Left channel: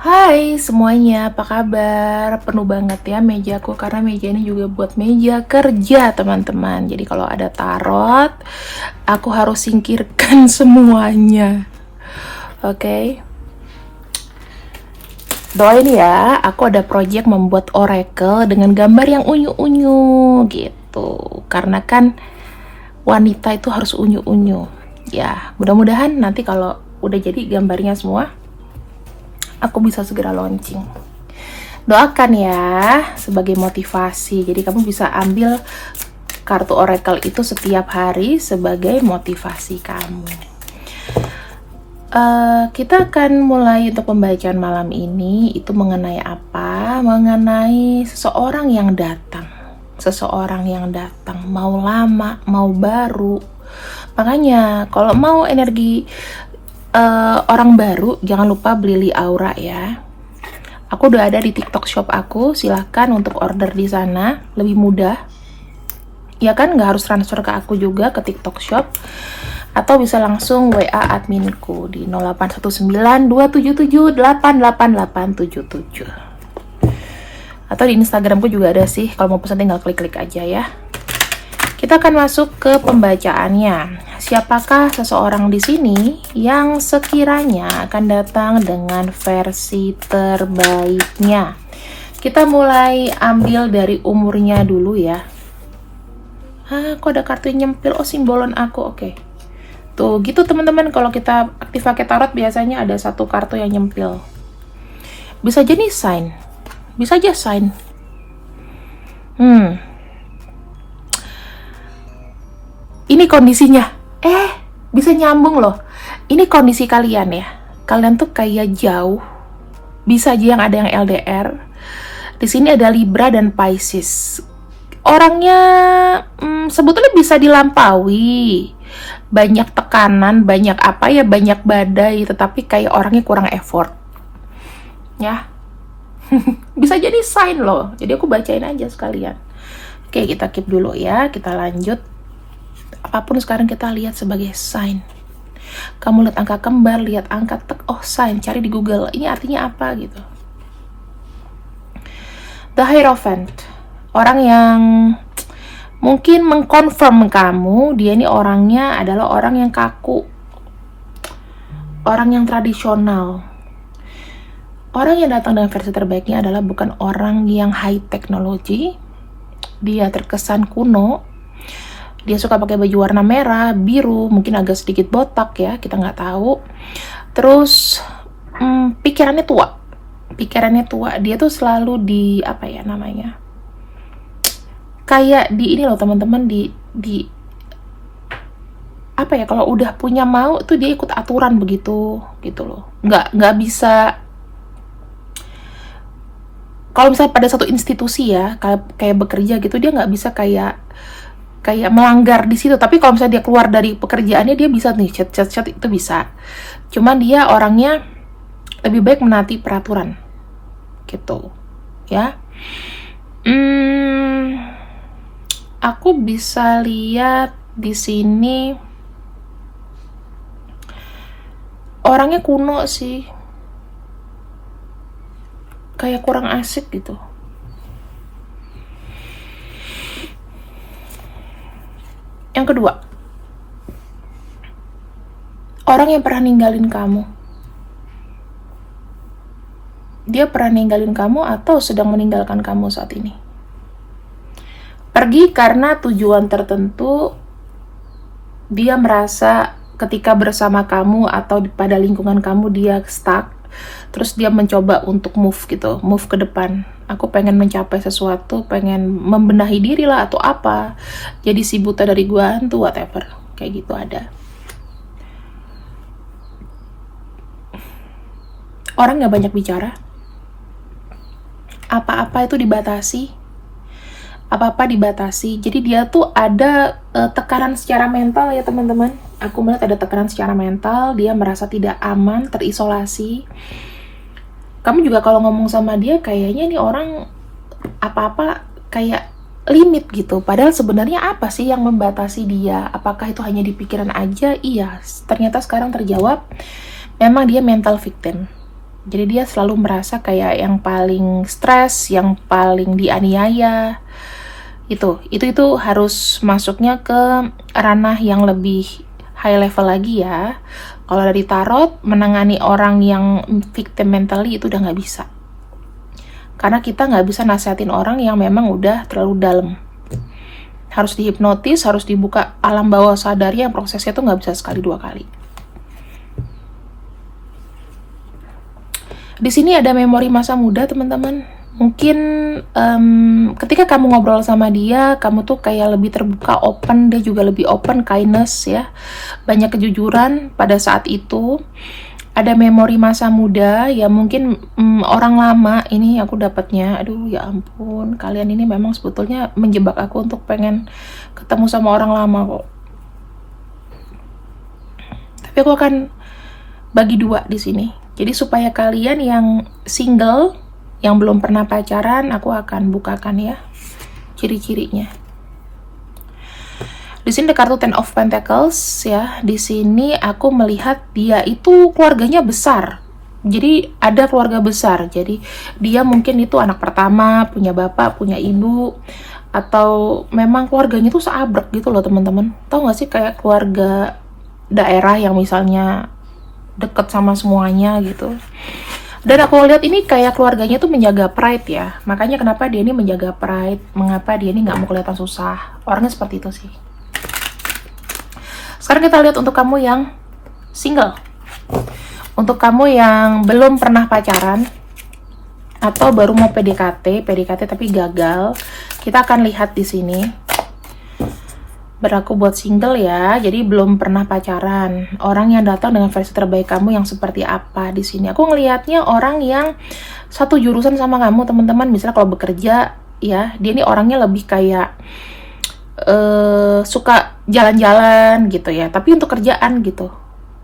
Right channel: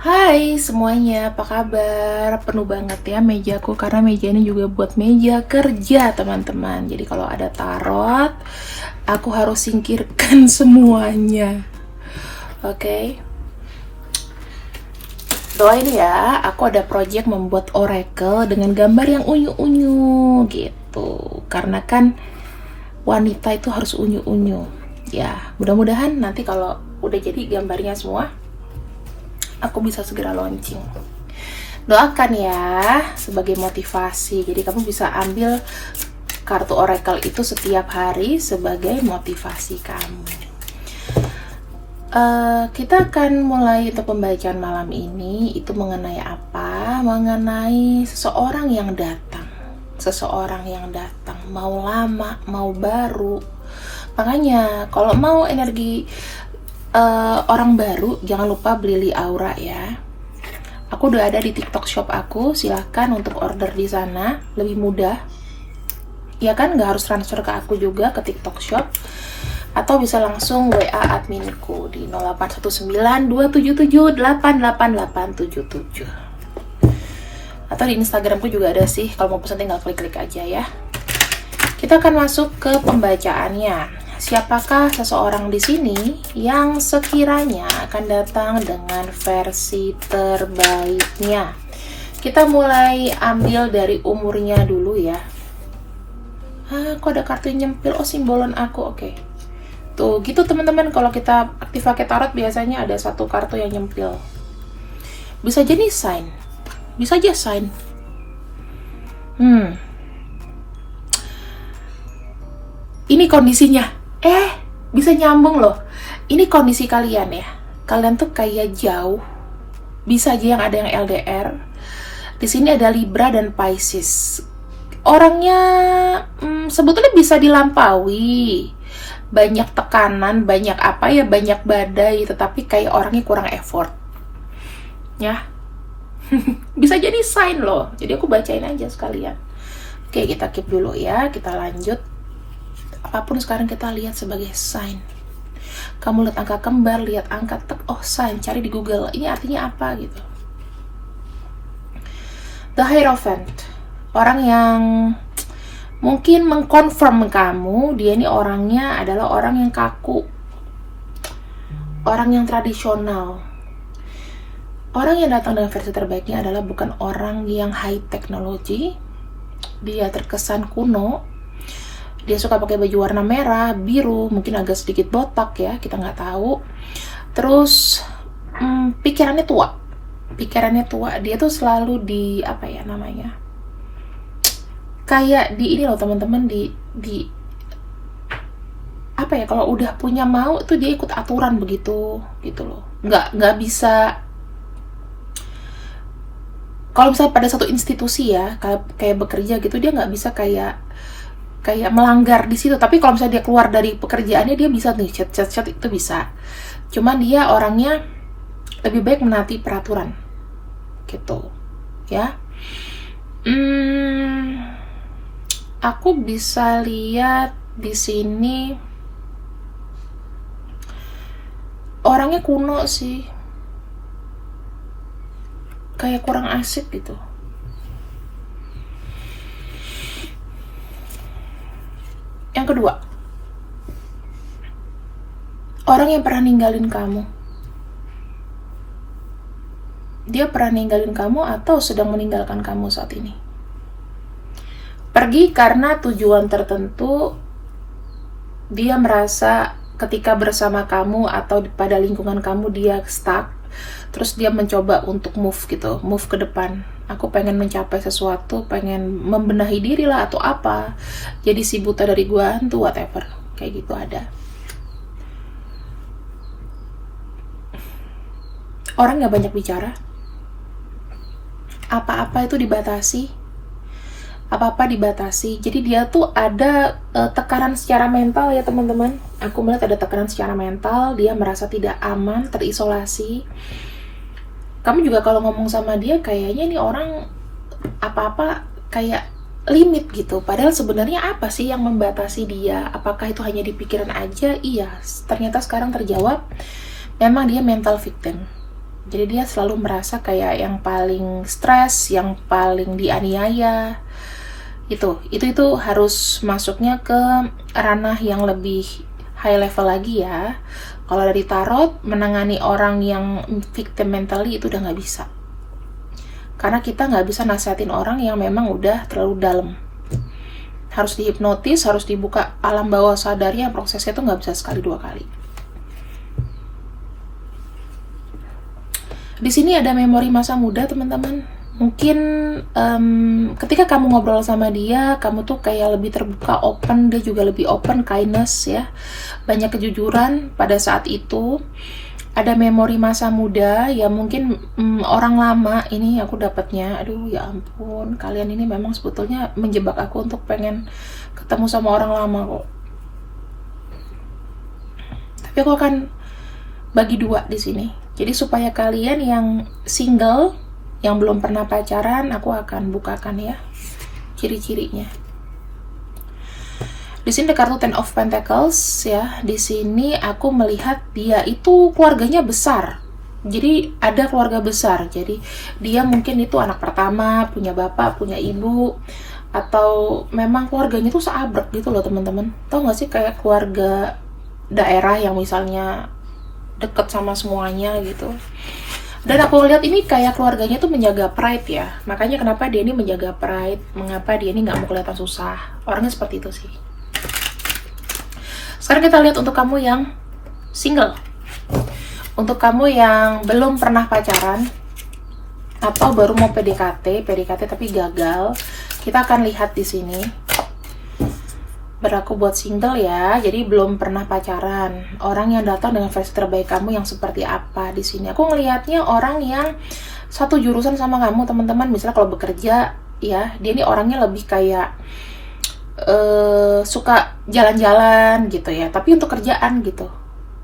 Hai semuanya, apa kabar? Penuh banget ya mejaku karena meja ini juga buat meja kerja teman-teman. Jadi kalau ada tarot, aku harus singkirkan semuanya. Oke. Doain ya, aku ada project membuat oracle dengan gambar yang unyu-unyu gitu. Karena kan wanita itu harus unyu-unyu. Ya, mudah-mudahan nanti kalau udah jadi gambarnya semua, aku bisa segera launching. Doakan ya sebagai motivasi. Jadi kamu bisa ambil kartu oracle itu setiap hari sebagai motivasi kamu. Kita akan mulai untuk pembacaan malam ini. Itu mengenai apa? Mengenai seseorang yang datang. Seseorang yang datang, mau lama, mau baru. Makanya kalau mau energi orang baru, jangan lupa beli Li Aura ya. Aku udah ada di TikTok shop aku, silahkan untuk order di sana, lebih mudah. Ya kan, nggak harus transfer ke aku juga ke TikTok shop. Atau bisa langsung WA adminku di 081927788877. Atau di Instagramku juga ada sih, kalau mau pesan tinggal klik-klik aja ya. Kita akan masuk ke pembacaannya. Siapakah seseorang di sini yang sekiranya akan datang dengan versi terbaiknya? Kita mulai ambil dari umurnya dulu ya. Kok ada kartu yang nyempil? Oh, simbolon aku, oke. Tuh, gitu teman-teman, kalau kita aktif pakai tarot biasanya ada satu kartu yang nyempil. Bisa jadi sign. Bisa aja sign. Ini kondisinya. Bisa nyambung loh. Ini kondisi kalian ya. Kalian tuh kayak jauh. Bisa aja yang ada yang LDR. Di sini ada Libra dan Pisces. Orangnya sebetulnya bisa dilampaui. Banyak tekanan, banyak apa ya, banyak badai, tetapi kayak orangnya kurang effort. Ya. Bisa jadi sign loh. Jadi aku bacain aja sekalian. Oke, kita keep dulu ya. Kita lanjut. Apapun sekarang kita lihat sebagai sign. Kamu lihat angka kembar, lihat angka oh sign, cari di Google. Ini artinya apa gitu. The Hierophant. Orang yang mungkin mengkonfirm kamu, dia ini orangnya adalah orang yang kaku. Orang yang tradisional. Orang yang datang dengan versi terbaiknya adalah bukan orang yang high technology. Dia terkesan kuno. Dia suka pakai baju warna merah, biru, mungkin agak sedikit botak ya, kita nggak tahu. Terus pikirannya tua. Pikirannya tua. Dia tuh selalu di apa ya namanya? Kayak di ini loh teman-teman, di apa ya, kalau udah punya mau tuh dia ikut aturan begitu gitu loh. Nggak bisa. Kalau misalnya pada satu institusi ya, kayak bekerja gitu, dia nggak bisa kayak melanggar di situ. Tapi kalau misalnya dia keluar dari pekerjaannya, dia bisa nih chat itu bisa. Cuman dia orangnya lebih baik menaati peraturan gitu ya. Aku bisa lihat di sini orangnya kuno sih, kayak kurang asik gitu. Yang kedua, orang yang pernah ninggalin kamu. Dia pernah ninggalin kamu atau sedang meninggalkan kamu saat ini. Pergi karena tujuan tertentu. Dia merasa ketika bersama kamu atau pada lingkungan kamu dia stuck. Terus dia mencoba untuk move gitu, move ke depan. Aku pengen mencapai sesuatu, pengen membenahi diri lah atau apa. Jadi si buta dari gua hantu, whatever. Kayak gitu ada. Orang gak banyak bicara. Apa-apa itu dibatasi. Apa-apa dibatasi. Jadi dia tuh ada tekanan secara mental ya teman-teman. Aku melihat ada tekanan secara mental. Dia merasa tidak aman, terisolasi. Kamu juga kalau ngomong sama dia kayaknya nih orang apa-apa kayak limit gitu. Padahal sebenarnya apa sih yang membatasi dia? Apakah itu hanya di pikiran aja? Iya, ternyata sekarang terjawab. memang dia mental victim. Jadi dia selalu merasa kayak yang paling stres, yang paling dianiaya. Itu harus masuknya ke ranah yang lebih high level lagi ya. Kalau dari tarot, menangani orang yang victim mentally itu udah nggak bisa. Karena kita nggak bisa nasihatin orang yang memang udah terlalu dalam. Harus dihipnotis, harus dibuka alam bawah sadarnya, prosesnya tuh nggak bisa sekali dua kali. Di sini ada memori masa muda, teman-teman. Mungkin ketika kamu ngobrol sama dia, kamu tuh kayak lebih terbuka, open. Dia juga lebih open, kindness ya. Banyak kejujuran pada saat itu. Ada memori masa muda ya, mungkin orang lama. Ini aku dapatnya, aduh ya ampun, kalian ini memang sebetulnya menjebak aku untuk pengen ketemu sama orang lama kok. Tapi aku akan bagi dua di sini. Jadi supaya kalian yang single, yang belum pernah pacaran, aku akan bukakan ya ciri-cirinya. Di sini ada kartu Ten of Pentacles ya. Di sini aku melihat dia itu keluarganya besar. Jadi ada keluarga besar. Jadi dia mungkin itu anak pertama, punya bapak, punya ibu, atau memang keluarganya itu seabrek gitu loh teman-teman. Tahu nggak sih kayak keluarga daerah yang misalnya deket sama semuanya gitu. Dan aku lihat ini kayak keluarganya tuh menjaga pride ya. Makanya kenapa dia ini menjaga pride, mengapa dia ini nggak mau kelihatan susah. Orangnya seperti itu sih. Sekarang kita lihat untuk kamu yang single. Untuk kamu yang belum pernah pacaran atau baru mau PDKT tapi gagal, kita akan lihat di sini. Berlaku buat single ya, jadi belum pernah pacaran. Orang yang datang dengan versi terbaik kamu yang seperti apa di sini? Aku ngelihatnya orang yang satu jurusan sama kamu, teman-teman. Misalnya kalau bekerja, ya, dia ini orangnya lebih kayak suka jalan-jalan gitu ya. Tapi untuk kerjaan gitu,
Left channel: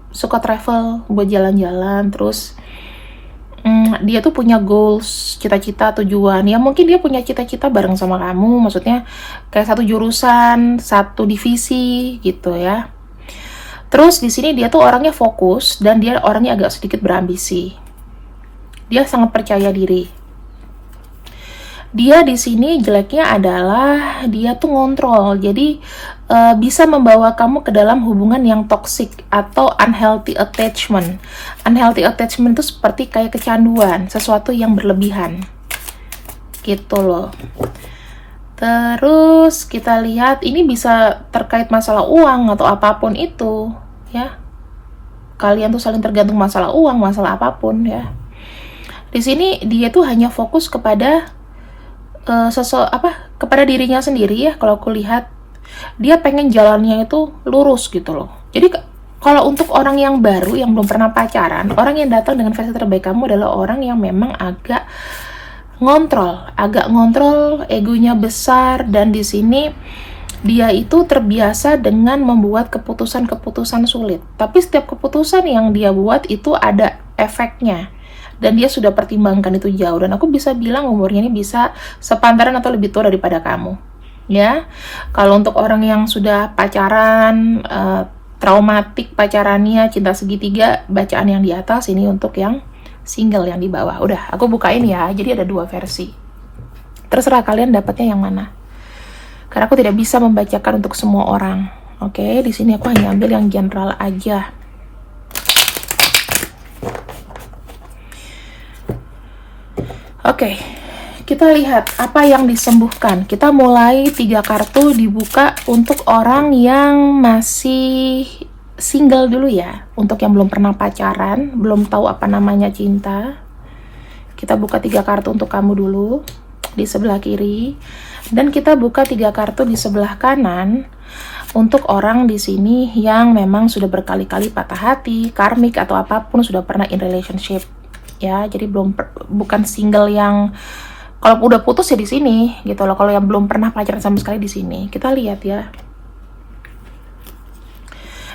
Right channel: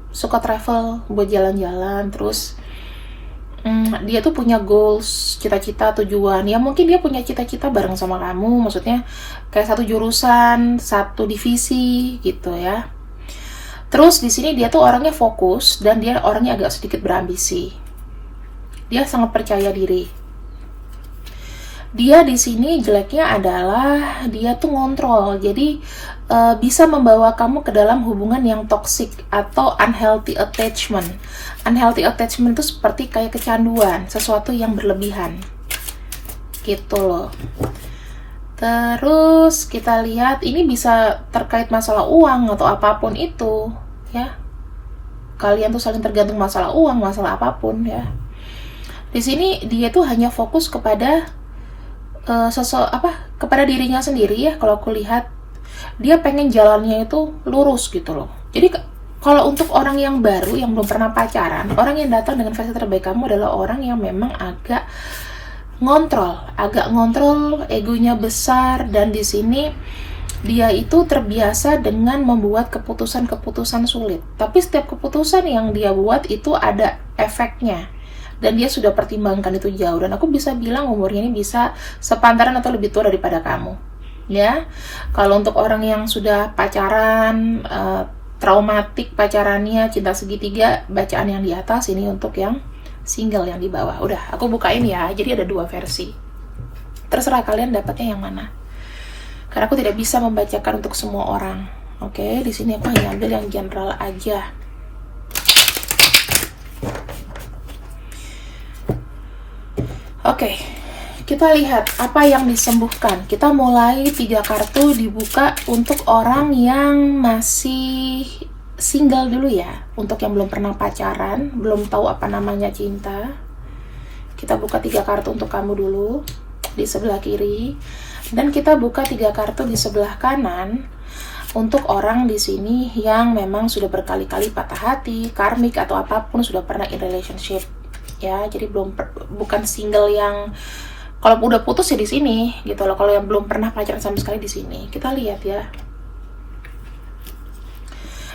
suka travel buat jalan-jalan. Terus dia tuh punya goals, cita-cita, tujuan. Ya mungkin dia punya cita-cita bareng sama kamu, maksudnya kayak satu jurusan, satu divisi gitu ya. Terus di sini dia tuh orangnya fokus dan dia orangnya agak sedikit berambisi. Dia sangat percaya diri. Dia di sini jeleknya adalah dia tuh ngontrol. Jadi bisa membawa kamu ke dalam hubungan yang toxic atau unhealthy attachment. Unhealthy attachment itu seperti kayak kecanduan, sesuatu yang berlebihan. Gitu loh. Terus kita lihat ini bisa terkait masalah uang atau apapun itu, ya. Kalian tuh saling tergantung masalah uang, masalah apapun ya. Di sini dia tuh hanya fokus kepada kepada dirinya sendiri ya. Kalau aku lihat dia pengen jalannya itu lurus gitu loh. Jadi kalau untuk orang yang baru yang belum pernah pacaran, orang yang datang dengan versi terbaik kamu adalah orang yang memang agak ngontrol, egonya besar, dan di sini dia itu terbiasa dengan membuat keputusan-keputusan sulit. Tapi setiap keputusan yang dia buat itu ada efeknya. Dan dia sudah pertimbangkan itu jauh. Dan aku bisa bilang umurnya ini bisa sepantaran atau lebih tua daripada kamu. Ya, kalau untuk orang yang sudah pacaran, traumatik pacarannya, cinta segitiga, bacaan yang di atas, ini untuk yang single yang di bawah. Udah, aku bukain ya. Jadi ada dua versi. Terserah kalian dapatnya yang mana. Karena aku tidak bisa membacakan untuk semua orang. Oke, di sini aku hanya ambil yang general aja. Oke, kita lihat apa yang disembuhkan. Kita mulai 3 kartu dibuka untuk orang yang masih single dulu ya. Untuk yang belum pernah pacaran, belum tahu apa namanya cinta. Kita buka 3 kartu untuk kamu dulu di sebelah kiri. Dan kita buka 3 kartu di sebelah kanan untuk orang di sini yang memang sudah berkali-kali patah hati, karmik atau apapun, sudah pernah in relationship. Ya, jadi bukan single yang kalau udah putus ya di sini gitu loh. Kalau yang belum pernah pacaran sama sekali di sini. Kita lihat ya.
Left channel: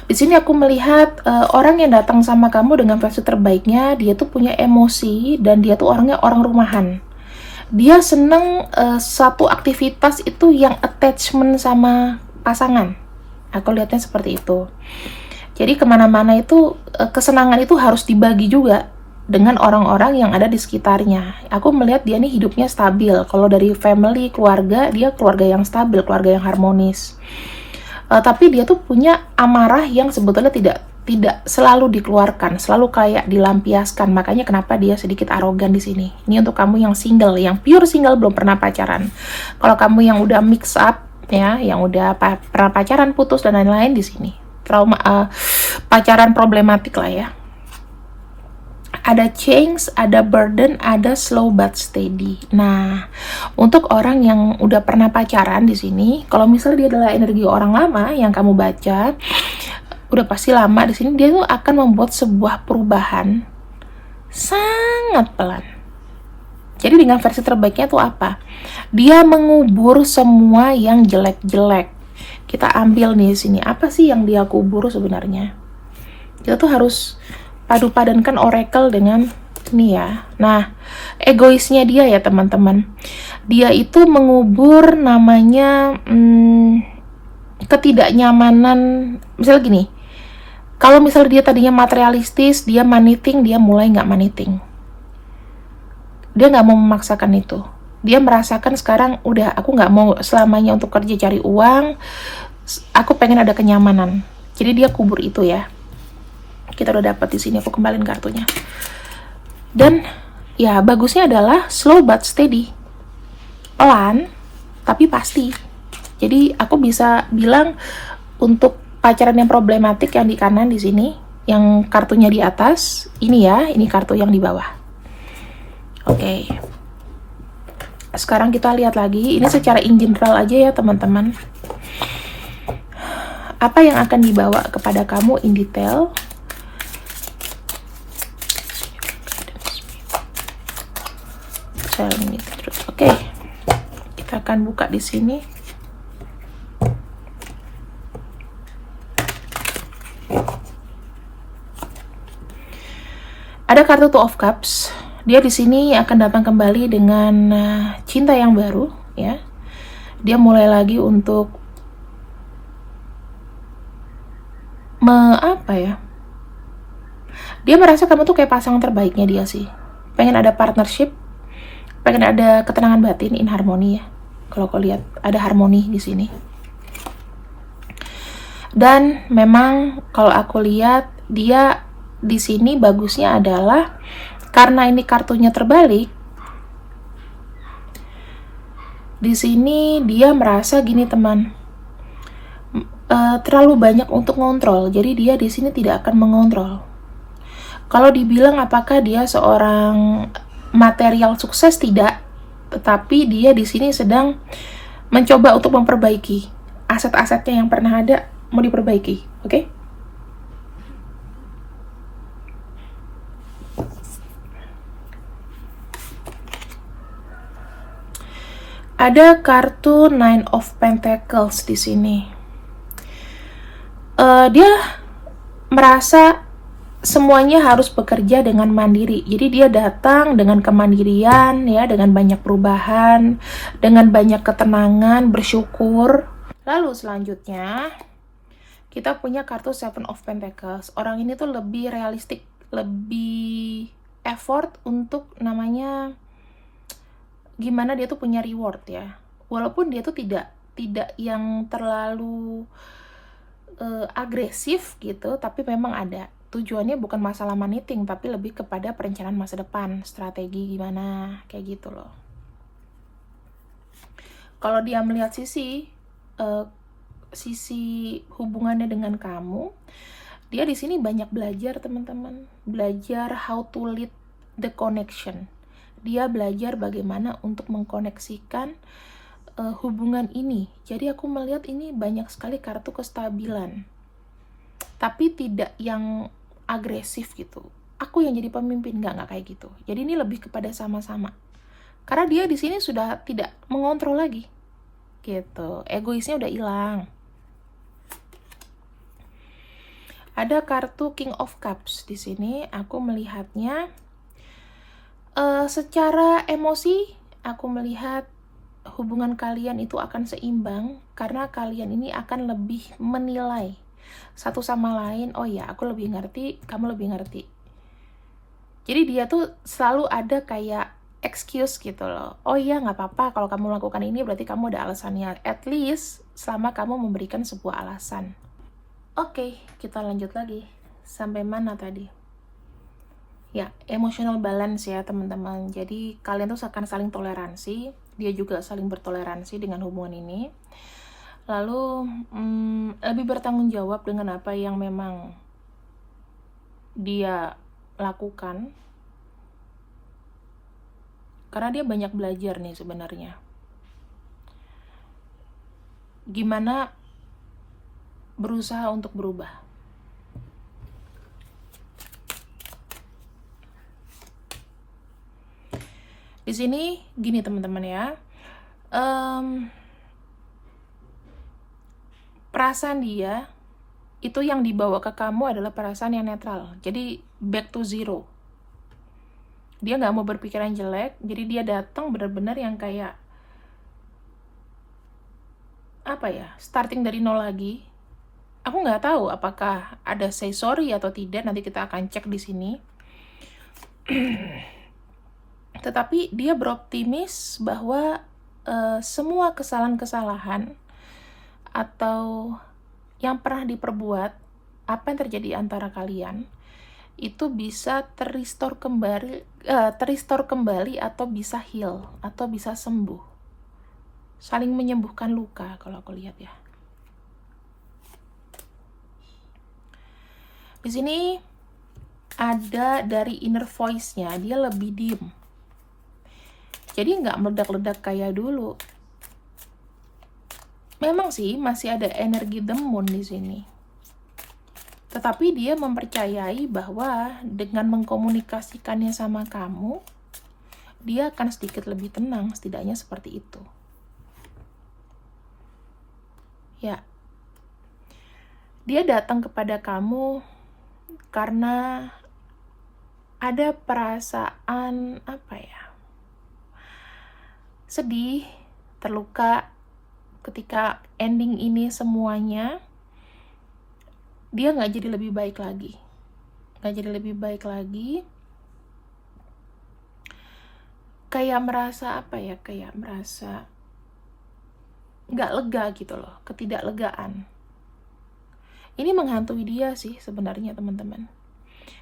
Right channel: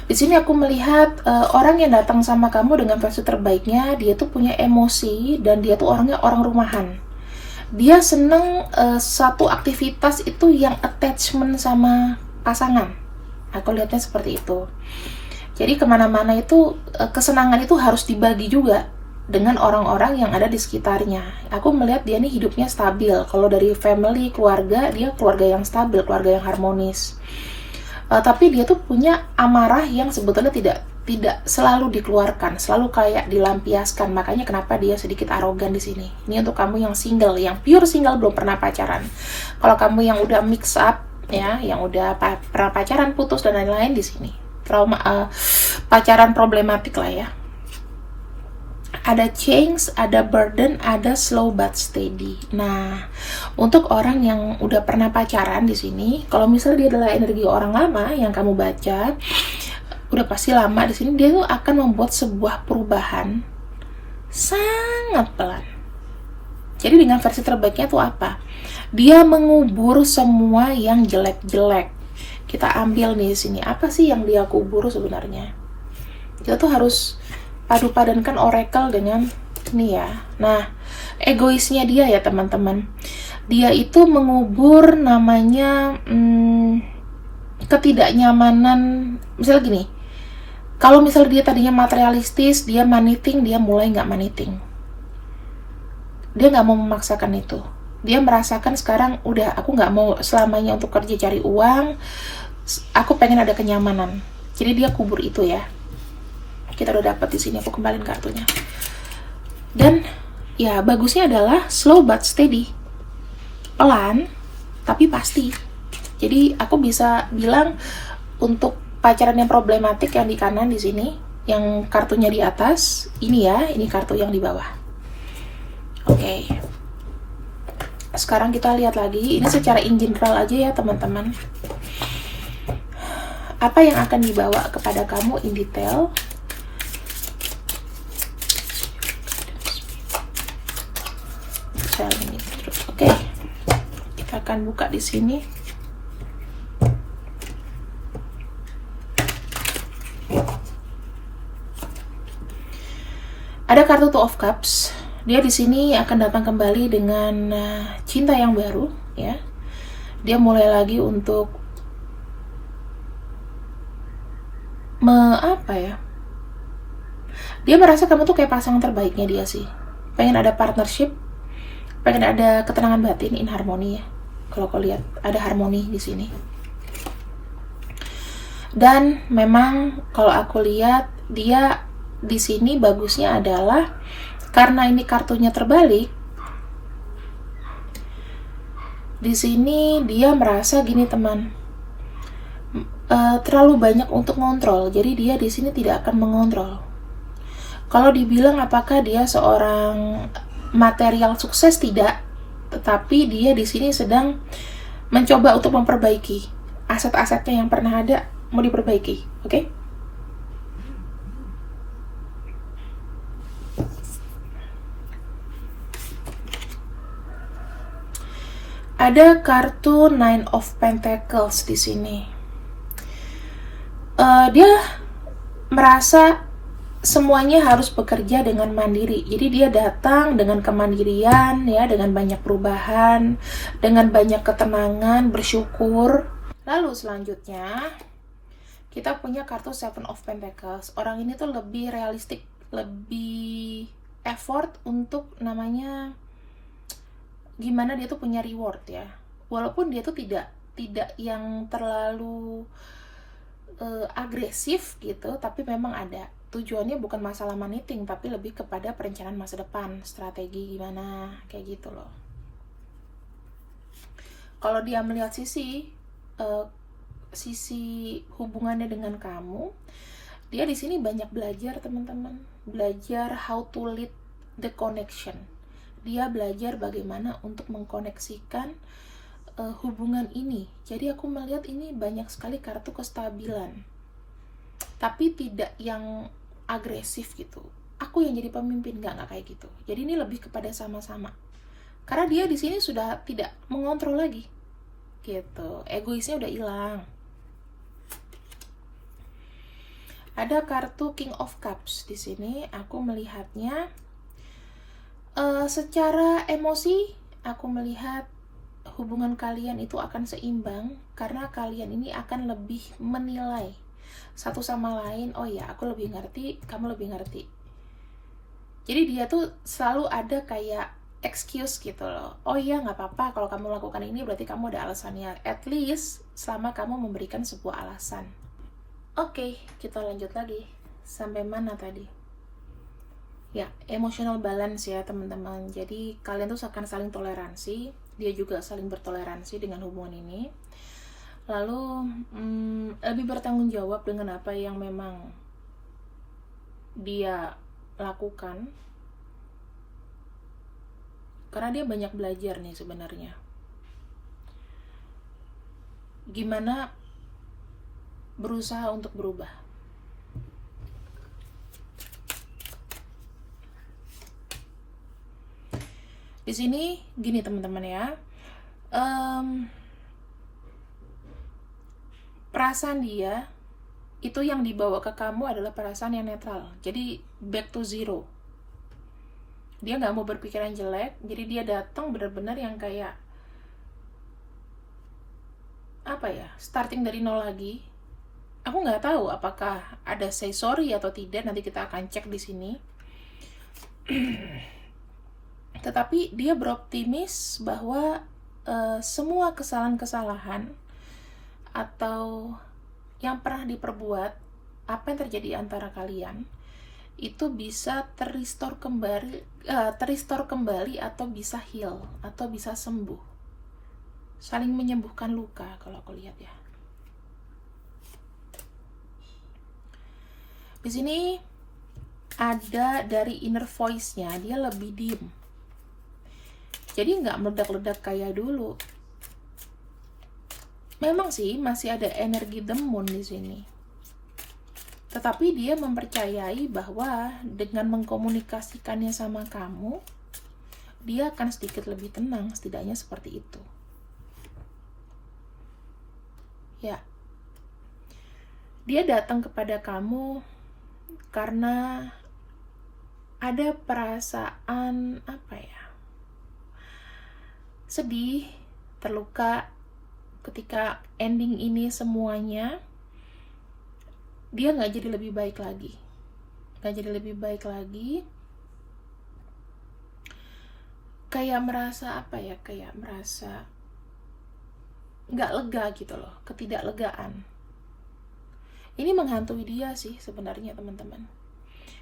Di sini aku melihat orang yang datang sama kamu dengan versi terbaiknya, dia tuh punya emosi dan dia tuh orangnya orang rumahan. Dia seneng satu aktivitas itu yang attachment sama pasangan. Aku lihatnya seperti itu. Jadi kemana-mana itu kesenangan itu harus dibagi juga dengan orang-orang yang ada di sekitarnya. Aku melihat dia nih hidupnya stabil. Kalau dari family, keluarga, dia keluarga yang stabil, keluarga yang harmonis. Tapi dia tuh punya amarah yang sebetulnya tidak selalu dikeluarkan, selalu kayak dilampiaskan. Makanya kenapa dia sedikit arogan di sini. Ini untuk kamu yang single, yang pure single belum pernah pacaran. Kalau kamu yang udah mix up ya, yang udah pernah pacaran, putus dan lain-lain, di sini trauma pacaran problematik lah ya. Ada change, ada burden, ada slow but steady. Nah, untuk orang yang udah pernah pacaran di sini, kalau misalnya dia adalah energi orang lama yang kamu baca, udah pasti lama di sini, dia tuh akan membuat sebuah perubahan sangat pelan. Jadi dengan versi terbaiknya tuh apa? Dia mengubur semua yang jelek-jelek. Kita ambil nih di sini, apa sih yang dia kubur sebenarnya? Kita tuh harus padu-padankan oracle dengan ini ya. Nah, egoisnya dia ya teman-teman. Dia itu mengubur namanya ketidaknyamanan. Misalnya gini, kalau misalnya dia tadinya materialistis, dia maniting, dia mulai nggak maniting. Dia nggak mau memaksakan itu. Dia merasakan sekarang udah, aku nggak mau selamanya untuk kerja cari uang. Aku pengen ada kenyamanan. Jadi dia kubur itu ya. Kita udah dapat di sini, aku kembaliin kartunya. Dan ya bagusnya adalah slow but steady, pelan tapi pasti. Jadi aku bisa bilang untuk pacaran yang problematik yang di kanan di sini, yang kartunya di atas ini ya, ini kartu yang di bawah. Oke. Sekarang kita lihat lagi, ini secara in general aja ya teman-teman. Apa yang akan dibawa kepada kamu in detail? Oke, kita akan buka di sini. Ada kartu Two of Cups. Dia di sini akan datang kembali dengan cinta yang baru, ya. Dia mulai lagi untuk apa ya? Dia merasa kamu tuh kayak pasangan terbaiknya dia sih. Pengen ada partnership, pengen ada ketenangan batin, in harmoni ya. Kalau kau lihat ada harmoni di sini. Dan memang kalau aku lihat dia di sini bagusnya adalah karena ini kartunya terbalik. Di sini dia merasa gini teman, terlalu banyak untuk ngontrol. Jadi dia di sini tidak akan mengontrol. Kalau dibilang apakah dia seorang material sukses, tidak, tetapi dia di sini sedang mencoba untuk memperbaiki aset-asetnya yang pernah ada, mau diperbaiki, oke? Ada kartu Nine of Pentacles di sini. Dia merasa semuanya harus bekerja dengan mandiri. Jadi dia datang dengan kemandirian ya, dengan banyak perubahan, dengan banyak ketenangan, bersyukur. Lalu selanjutnya kita punya kartu Seven of Pentacles. Orang ini tuh lebih realistik, lebih effort untuk namanya gimana dia tuh punya reward ya. Walaupun dia tuh tidak yang terlalu agresif gitu, tapi memang ada tujuannya, bukan masalah maniting, tapi lebih kepada perencanaan masa depan, strategi gimana, kayak gitu loh. Kalau dia melihat sisi hubungannya dengan kamu, dia di sini banyak belajar teman-teman, belajar how to lead the connection. Dia belajar bagaimana untuk mengkoneksikan hubungan ini. Jadi aku melihat ini banyak sekali kartu kestabilan, tapi tidak yang agresif gitu. Aku yang jadi pemimpin, nggak kayak gitu. Jadi ini lebih kepada sama-sama. Karena dia di sini sudah tidak mengontrol lagi, gitu. Egoisnya udah hilang. Ada kartu King of Cups di sini. Aku melihatnya secara emosi, aku melihat hubungan kalian itu akan seimbang karena kalian ini akan lebih menilai satu sama lain. Oh ya, aku lebih ngerti, kamu lebih ngerti. Jadi dia tuh selalu ada kayak excuse gitu loh. Oh iya, nggak apa-apa kalau kamu lakukan ini, berarti kamu ada alasannya. At least selama kamu memberikan sebuah alasan. Oke, kita lanjut lagi. Sampai mana tadi? Ya, emotional balance ya teman-teman. Jadi kalian tuh akan saling toleransi, dia juga saling bertoleransi dengan hubungan ini. Lalu lebih bertanggung jawab dengan apa yang memang dia lakukan. Karena dia banyak belajar nih sebenarnya. Gimana berusaha untuk berubah. Di sini gini teman-teman ya, perasaan dia itu yang dibawa ke kamu adalah perasaan yang netral. Jadi back to zero. Dia nggak mau berpikiran jelek, jadi dia datang benar-benar yang kayak apa ya, starting dari nol lagi. Aku nggak tahu apakah ada say sorry atau tidak. Nanti kita akan cek di sini. Tetapi dia beroptimis bahwa semua kesalahan-kesalahan atau yang pernah diperbuat, apa yang terjadi antara kalian, itu bisa terrestore kembali atau bisa heal, atau bisa sembuh. Saling menyembuhkan luka kalau aku lihat ya. Di sini ada dari inner voice-nya, dia lebih diem. Jadi nggak meledak-ledak kayak dulu. Memang sih masih ada energi demon di sini. Tetapi dia mempercayai bahwa dengan mengkomunikasikannya sama kamu, dia akan sedikit lebih tenang, setidaknya seperti itu. Ya. Dia datang kepada kamu karena ada perasaan apa ya? Sedih, terluka ketika ending ini semuanya. Dia nggak jadi lebih baik lagi. Kayak merasa apa ya? Kayak merasa nggak lega gitu loh, ketidaklegaan. Ini menghantui dia sih sebenarnya teman-teman.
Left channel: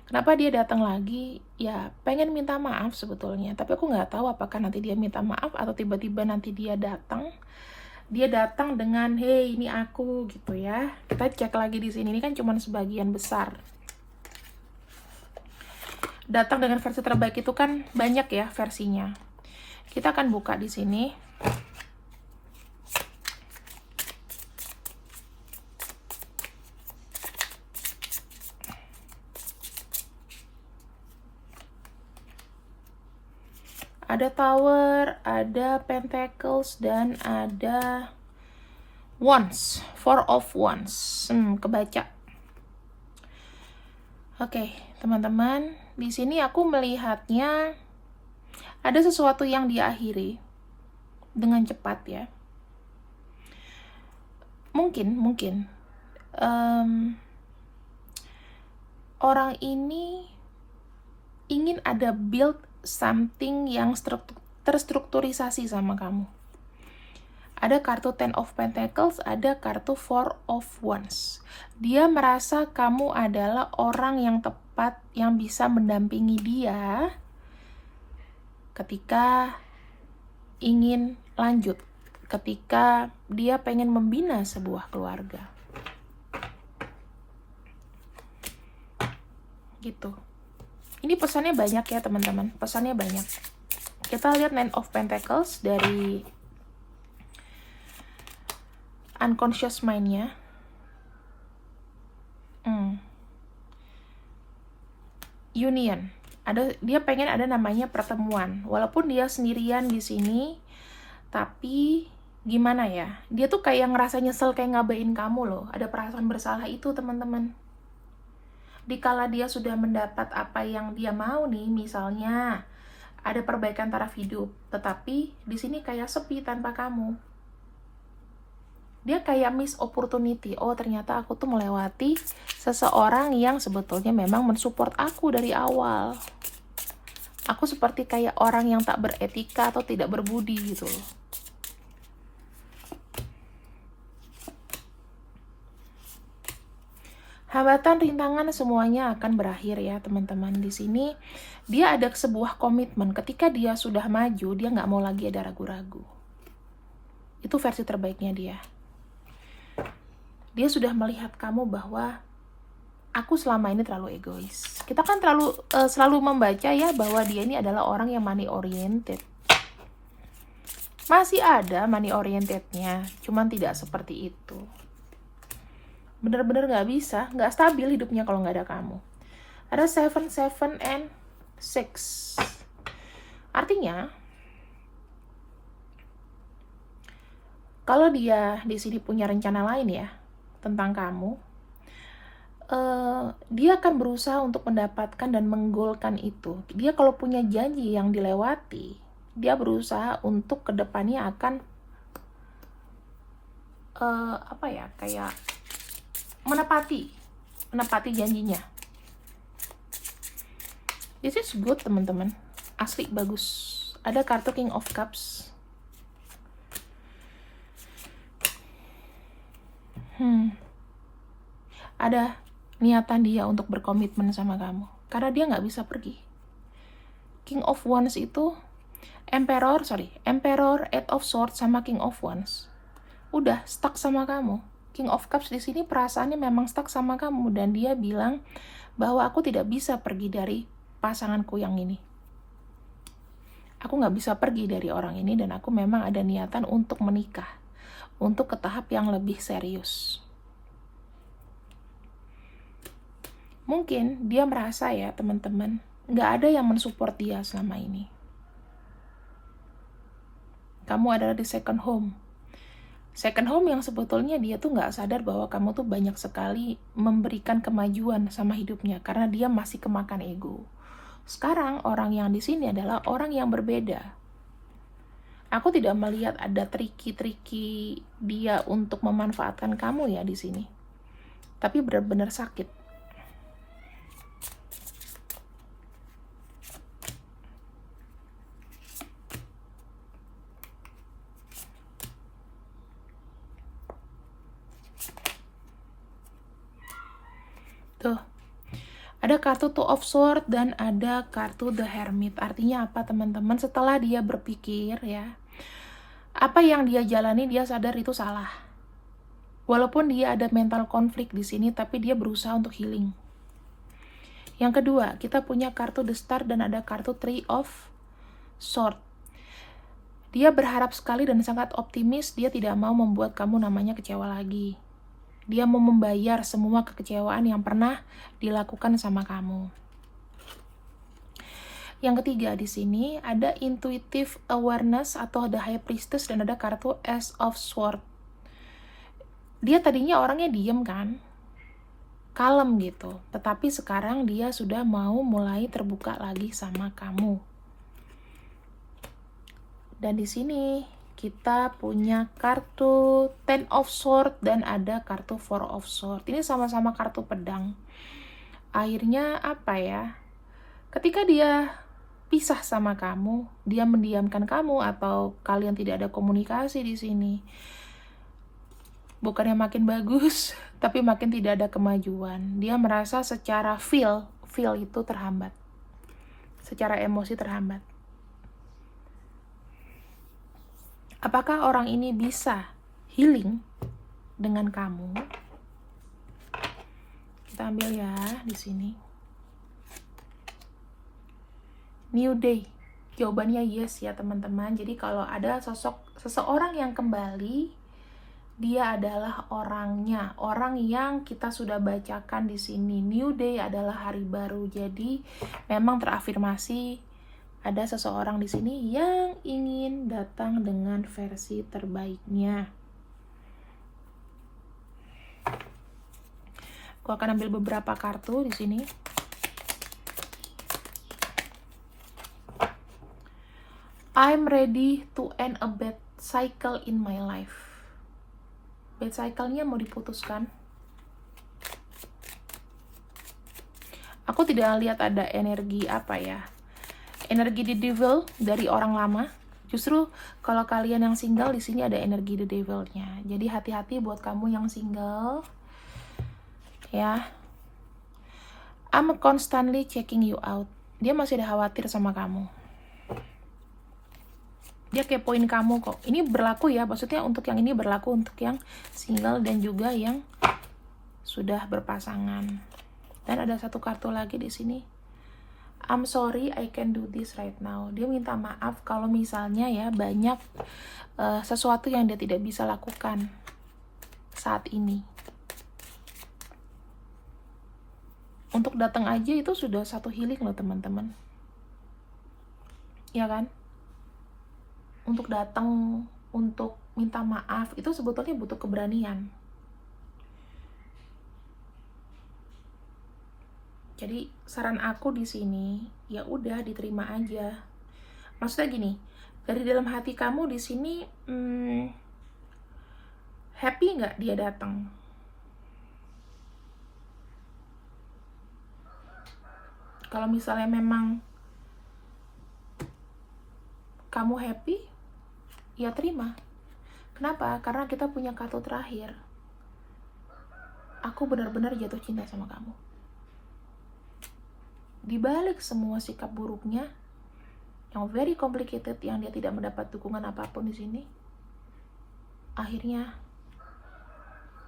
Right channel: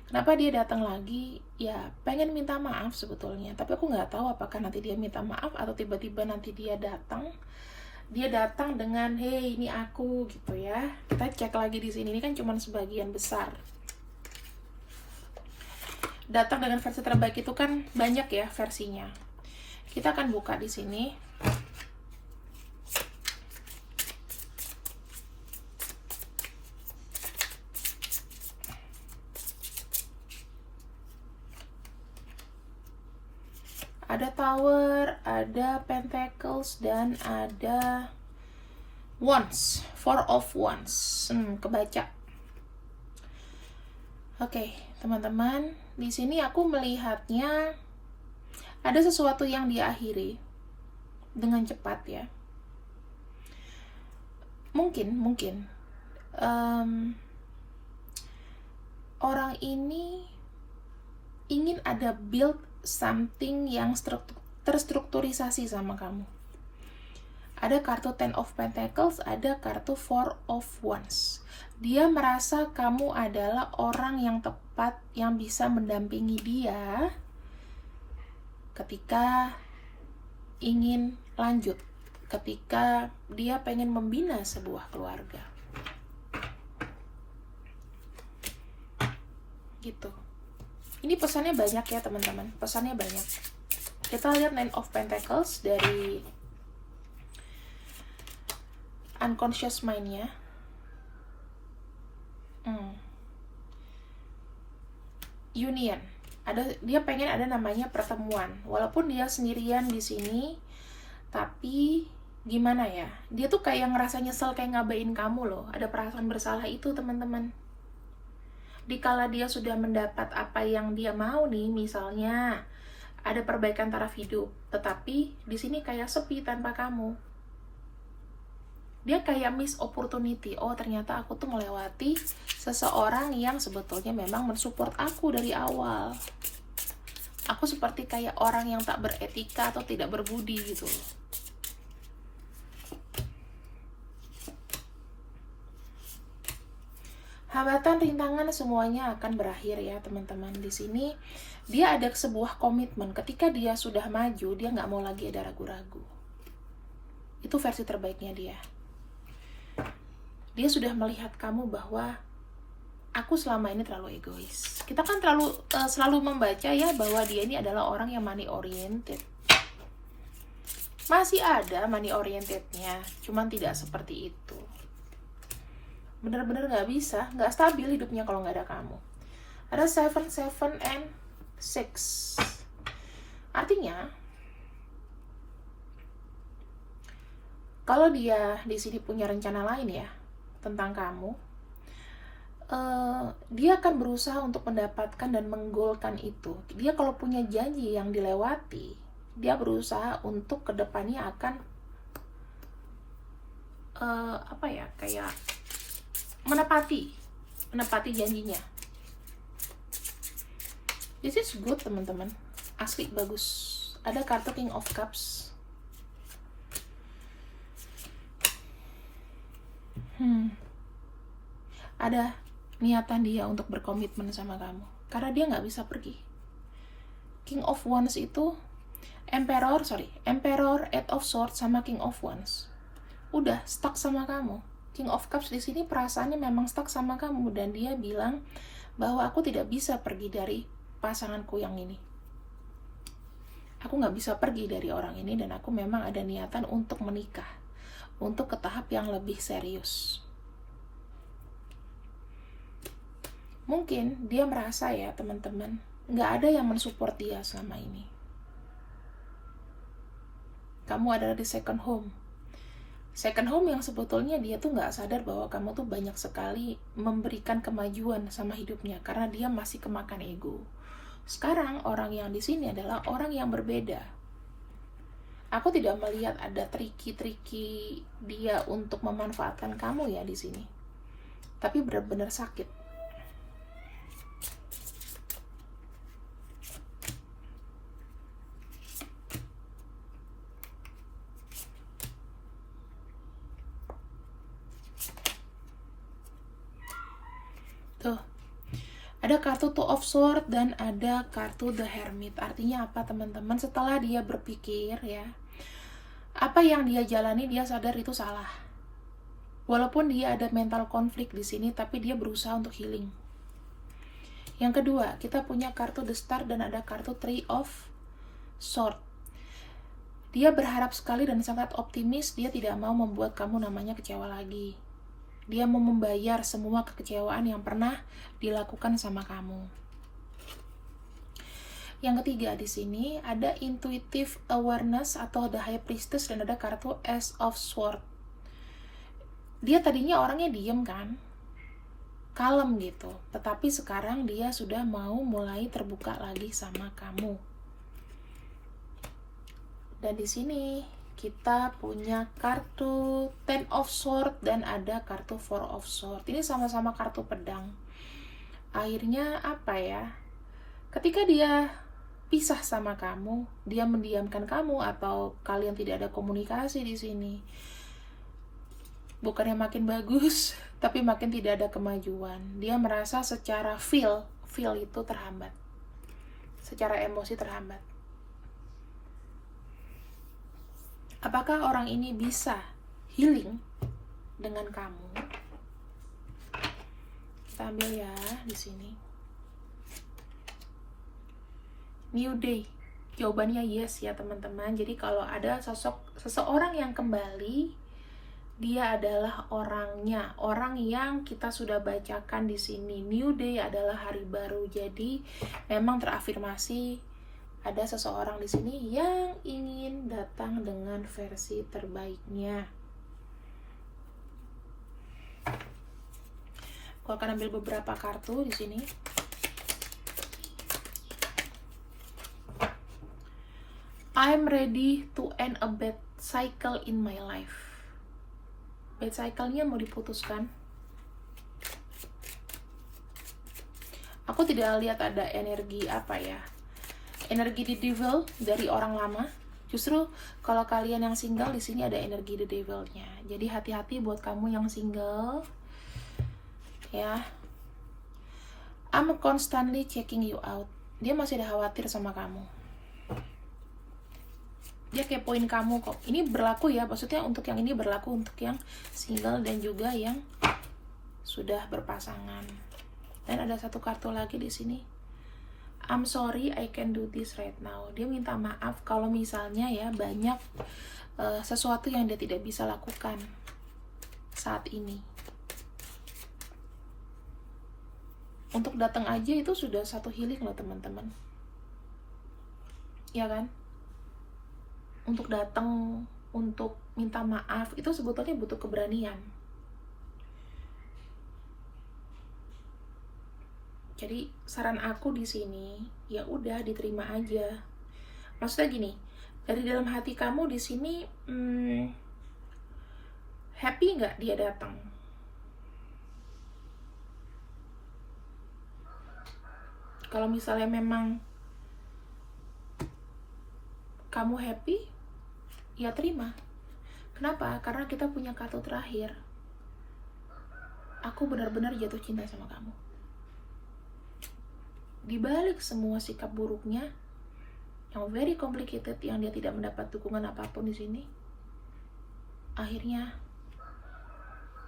Kenapa dia datang lagi? Ya pengen minta maaf sebetulnya, tapi aku nggak tahu apakah nanti dia minta maaf atau tiba-tiba nanti dia datang dengan hey ini aku gitu ya. Kita cek lagi di sini, ini kan cuma sebagian besar. Datang dengan versi terbaik itu kan banyak ya versinya. Kita akan buka di sini. Ada Tower, ada Pentacles, dan ada Wands, Four of Wands. Kebaca. Oke, teman-teman, di sini aku melihatnya ada sesuatu yang diakhiri dengan cepat ya. Mungkin orang ini ingin ada build something yang terstrukturisasi sama kamu. Ada kartu Ten of Pentacles, ada kartu Four of Wands. Dia merasa kamu adalah orang yang tepat yang bisa mendampingi dia ketika ingin lanjut, ketika dia pengen membina sebuah keluarga. Gitu. Ini pesannya banyak ya teman-teman, pesannya banyak. Kita lihat Nine of Pentacles dari unconscious mind-nya. Union. Dia pengen ada namanya pertemuan. Walaupun dia sendirian di sini, tapi gimana ya? Dia tuh kayak ngerasa nyesel kayak ngabain kamu loh. Ada perasaan bersalah itu teman-teman. Dikala dia sudah mendapat apa yang dia mau nih, misalnya ada perbaikan taraf hidup, tetapi di sini kayak sepi tanpa kamu. Dia kayak miss opportunity. Oh, ternyata aku tuh melewati seseorang yang sebetulnya memang mensupport aku dari awal. Aku seperti kayak orang yang tak beretika atau tidak berbudi gitu loh. Hambatan, rintangan semuanya akan berakhir ya teman-teman. Di sini dia ada sebuah komitmen. Ketika dia sudah maju, dia nggak mau lagi ada ragu-ragu. Itu versi terbaiknya dia. Dia sudah melihat kamu bahwa aku selama ini terlalu egois. Kita kan selalu membaca ya bahwa dia ini adalah orang yang money oriented. Masih ada money orientednya, cuman tidak seperti itu. Bener-bener nggak bisa, nggak stabil hidupnya kalau nggak ada kamu. Ada 7, 7, and 6. Artinya, kalau dia di sini punya rencana lain ya tentang kamu, dia akan berusaha untuk mendapatkan dan menggolkan itu. Dia kalau punya janji yang dilewati, dia berusaha untuk kedepannya akan kayak menepati janjinya. This is good teman-teman, asli bagus. Ada kartu King of Cups. Ada niatan dia untuk berkomitmen sama kamu, karena dia nggak bisa pergi. King of Wands itu Emperor, 8 of Swords sama King of Wands. Udah stuck sama kamu. King of Cups di sini perasaannya memang stuck sama kamu, dan dia bilang bahwa aku tidak bisa pergi dari pasanganku yang ini. Aku nggak bisa pergi dari orang ini, dan aku memang ada niatan untuk menikah, untuk ke tahap yang lebih serius. Mungkin dia merasa ya teman-teman, nggak ada yang mensupport dia selama ini. Kamu adalah di second home yang sebetulnya dia tuh nggak sadar bahwa kamu tuh banyak sekali memberikan kemajuan sama hidupnya, karena dia masih kemakan ego. Sekarang orang yang di sini adalah orang yang berbeda. Aku tidak melihat ada triki-triki dia untuk memanfaatkan kamu ya di sini, tapi benar-benar sakit. Tuh, ada kartu Two of Swords dan ada kartu The Hermit. Artinya apa teman-teman? Setelah dia berpikir ya, apa yang dia jalani dia sadar itu salah. Walaupun dia ada mental konflik di sini, tapi dia berusaha untuk healing. Yang kedua, kita punya kartu The Star dan ada kartu Three of Swords. Dia berharap sekali dan sangat optimis, dia tidak mau membuat kamu namanya kecewa lagi. Dia mau membayar semua kekecewaan yang pernah dilakukan sama kamu. Yang ketiga di sini ada intuitive awareness atau ada High Priestess dan ada kartu Ace of Swords. Dia tadinya orangnya diem kan, kalem gitu, tetapi sekarang dia sudah mau mulai terbuka lagi sama kamu. Dan di sini kita punya kartu Ten of Swords dan ada kartu Four of Swords. Ini sama-sama kartu pedang. Akhirnya apa ya? Ketika dia pisah sama kamu, dia mendiamkan kamu atau kalian tidak ada komunikasi di sini. Bukannya makin bagus, tapi makin tidak ada kemajuan. Dia merasa secara feel itu terhambat. Secara emosi terhambat. Apakah orang ini bisa healing dengan kamu? Kita ambil ya di sini. New Day. Jawabannya yes ya teman-teman. Jadi kalau ada seseorang yang kembali, dia adalah orangnya, orang yang kita sudah bacakan di sini. New Day adalah hari baru. Jadi memang terafirmasi ada seseorang di sini yang ingin datang dengan versi terbaiknya. Aku akan ambil beberapa kartu di sini. I'm ready to end a bad cycle in my life. bad cycle-nya mau diputuskan. Aku tidak lihat ada energi energi the devil dari orang lama. Justru kalau kalian yang single, di sini ada energi the devil-nya. Jadi hati-hati buat kamu yang single, ya. I'm constantly checking you out. Dia masih ada khawatir sama kamu. Dia kepoin kamu kok. Ini berlaku ya, maksudnya untuk yang ini berlaku untuk yang single dan juga yang sudah berpasangan. Dan ada satu kartu lagi di sini. I'm sorry, I can do this right now. Dia minta maaf kalau misalnya ya banyak sesuatu yang dia tidak bisa lakukan saat ini. Untuk datang aja itu sudah satu healing loh teman-teman. Ya kan? Untuk datang, untuk minta maaf, itu sebetulnya butuh keberanian. Jadi saran aku di sini, ya udah diterima aja. Maksudnya gini, dari dalam hati kamu di sini happy nggak dia datang? Kalau misalnya memang kamu happy, ya terima. Kenapa? Karena kita punya kartu terakhir. Aku benar-benar jatuh cinta sama kamu. Di balik semua sikap buruknya yang very complicated, yang dia tidak mendapat dukungan apapun di sini, akhirnya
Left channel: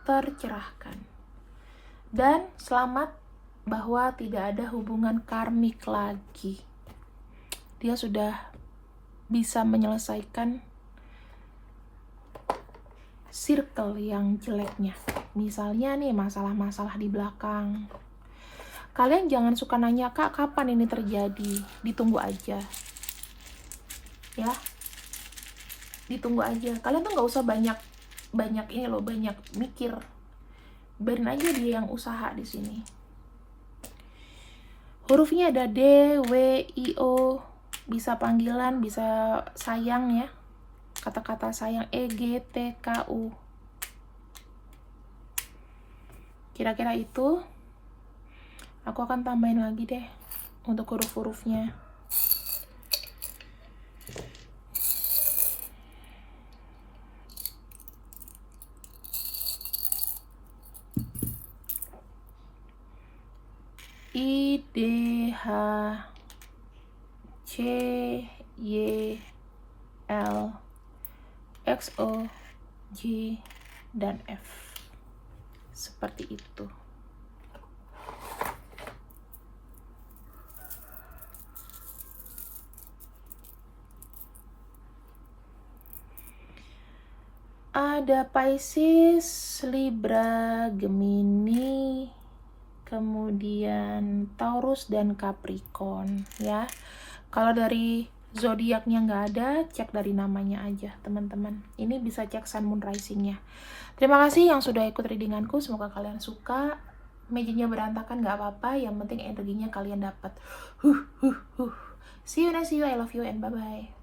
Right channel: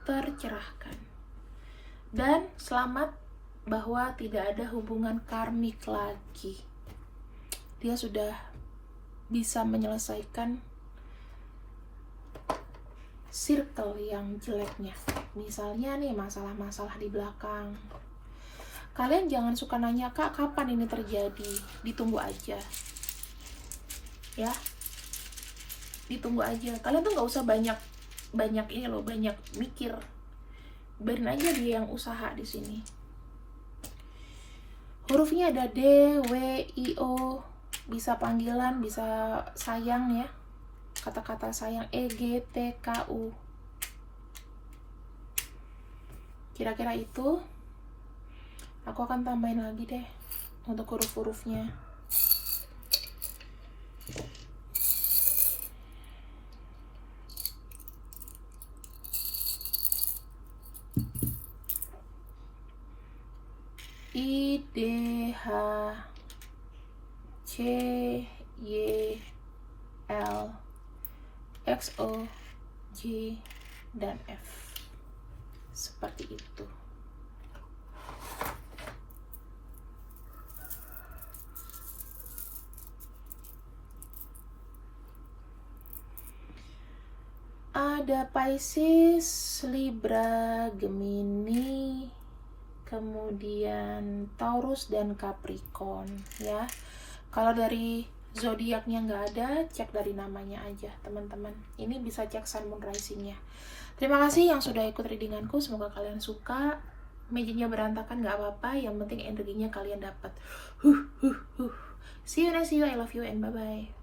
tercerahkan. Dan selamat bahwa tidak ada hubungan karmik lagi. Dia sudah bisa menyelesaikan circle yang jeleknya. Misalnya nih masalah-masalah di belakang. Kalian jangan suka nanya, Kak, kapan ini terjadi? Ditunggu aja. Ya. Ditunggu aja. Kalian tuh nggak usah banyak ini loh, banyak mikir. Biarin aja dia yang usaha di sini. Hurufnya ada D, W, I, O. Bisa panggilan, bisa sayang ya. Kata-kata sayang E, G, T, K, U. Kira-kira itu. Aku akan tambahin lagi deh untuk huruf-hurufnya. I, D, H, C, Y, L, X, O, J, dan F. Seperti itu. Ada Pisces, Libra, Gemini, kemudian Taurus dan Capricorn ya. Kalau dari zodiaknya nggak ada, cek dari namanya aja teman-teman. Ini bisa cek Sun, Moon, Rising-nya. Terima kasih yang sudah ikut readinganku, semoga kalian suka. Magic-nya berantakan nggak apa-apa, yang penting energinya kalian dapat. See you, I love you and bye-bye.